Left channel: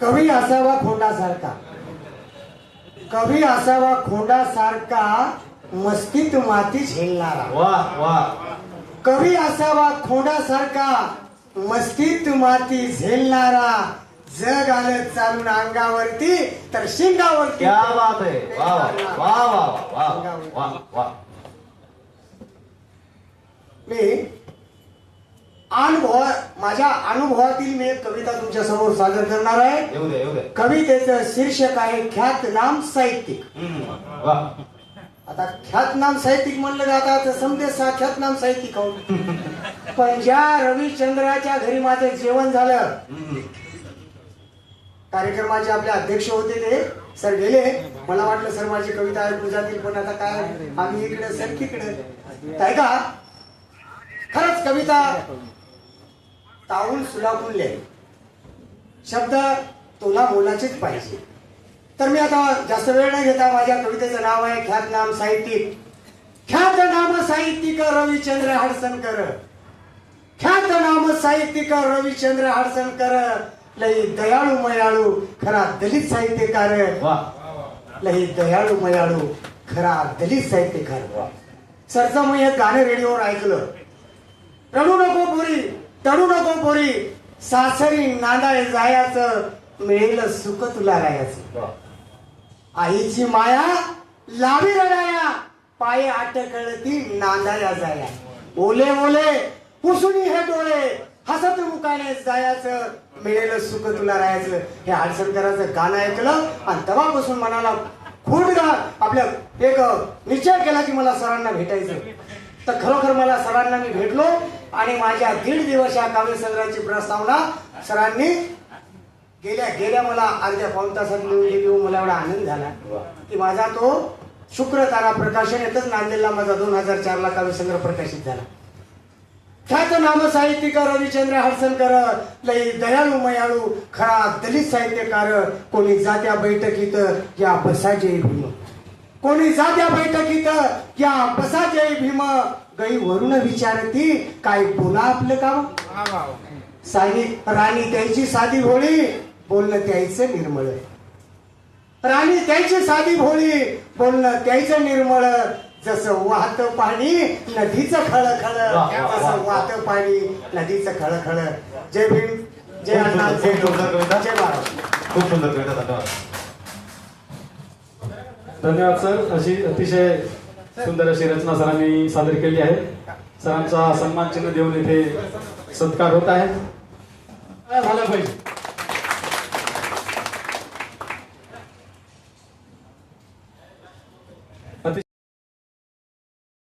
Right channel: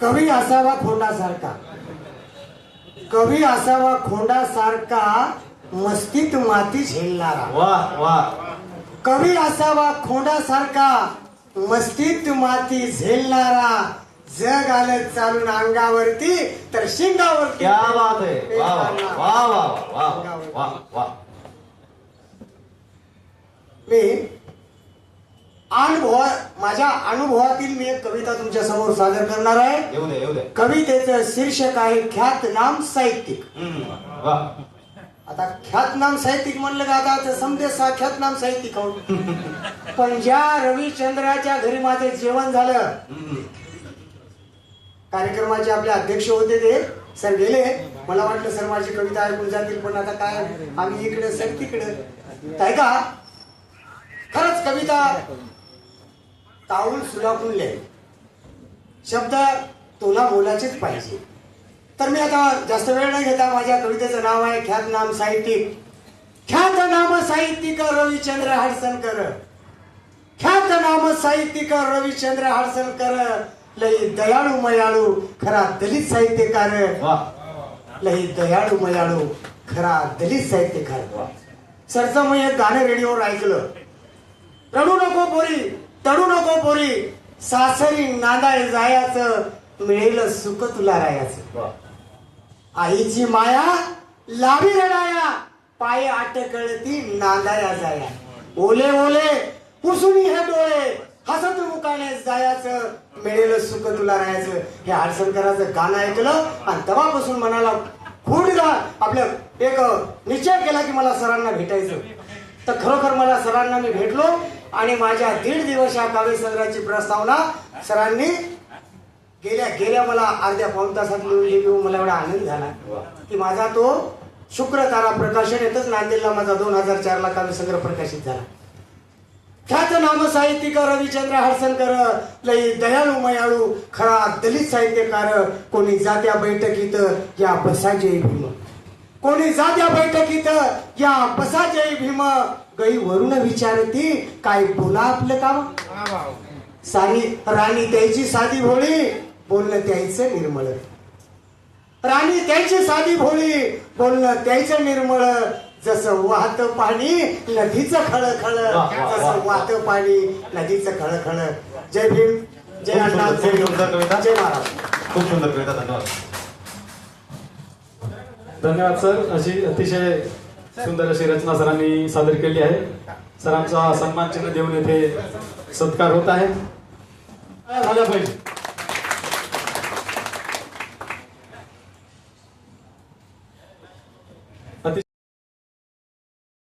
कवी असावा खोंडासारखा. कवी असावा खोंडासारखा मस्तीत माती झेलणारा. वा वा. कवी असावा खोंडासारखा मस्तीत माती झेलणारा. जग आलं चालून अंगावरती तर शिंगावरती. मी अनुभव माझ्या अनुभवातील मी एक कविता तुमच्यासमोर सादर करणार आहे. कवितेचं शीर्षक आहे ख्यातनाम साहित्यिक. आता ख्यातनाम साहित्यिक म्हणलं जातं तर समजेस हा ख्यातनाम साहित्यिक हो. पण ज्या रविचंद्राच्या घरी माझं जेवण झालं कार्यक्रमाचे आपले अध्यक्ष होते ते सर गेले. मला वाटलं सर माझी कविता ऐकून जातील पण आता काय? आम्ही इकडे सर तिकडे. काय का? खरंच कविता तावून सुलापून लिहावी शब्द तुला बोलाचेच पाहिजे. तर मी आता जास्त वेळ नाही घेता माझ्या कवितेचं नाव आहे ख्यातनाम साहित्यिक. ख्यात नाम साहित्यिक रविचंद्र हडसनकर. ख्यात नाम साहित्यिक रविचंद्र हडसनकर. लई दयाळू मयाळू खरा दलित साहित्यकार. लई दयाळू मयाळू खरा दलित साहित्यकार. सरचं मी एक गाणं रेडिओवर ऐकलं. रडू नको पोरी तडू नको पोरी. सासरी नांदाय जायाचं मिळेल सुख तुला राहायचं. आईची माया लावी रडाया पाय अटकळती नांदाया जाया. ओले ओले पुसुनी हे डोळे हसत मुकाने जायाचं मिळेल सुख तुला राहायचं. हे हडसरकराचं गाणं ऐकलं आणि तेव्हापासून मनाला खूप आपल्या एक निश्चय केला की मला सरांना भेटायचं. तर खरोखर मला सरांना मी भेटलो आणि माझ्या दीड दिवस या काव्यसंग्रहाची प्रस्तावना सरांनी गेल्या गेल्या मला अर्ध्या पाऊन तासात लिहून दिली. मला एवढा आनंद झाला. की माझा तो शुक्र तारा प्रकाशन येतच नांदेडला माझा दोन हजार चार ला काव्यसंग्रह प्रकाशित झाला. ख्यात नाम साहित्यिक रविचंद्र हडसनकर लई दयाळू मयाळू खरा दलित साहित्यकार कोणी जात्या बैठकीत या बसा जय भीम कोणी जात्या बैठकीत या बसा जय भीम गई वरून विचारती काय बोला आपलं काम? सारी राणी त्याची साधी भोळी बोलणं त्याचं निर्मळ. राणी त्याची साधी भोळी बोलणं त्याचं निर्मळ. जसं वाहत पाणी नदीचं खळखळ. जसं वाहत पाणी नदीचं खळखळ. जय भीम जय अण्णा जय जय महाराज. खूप सुंदर कविता धन्यवाद सर. अशी अतिशय सुंदर अशी रचना सरांनी सादर केली आहे. सरांचा सन्मान चिन्ह देऊन येथे सत्कार होत आहे. झालं पाहिजे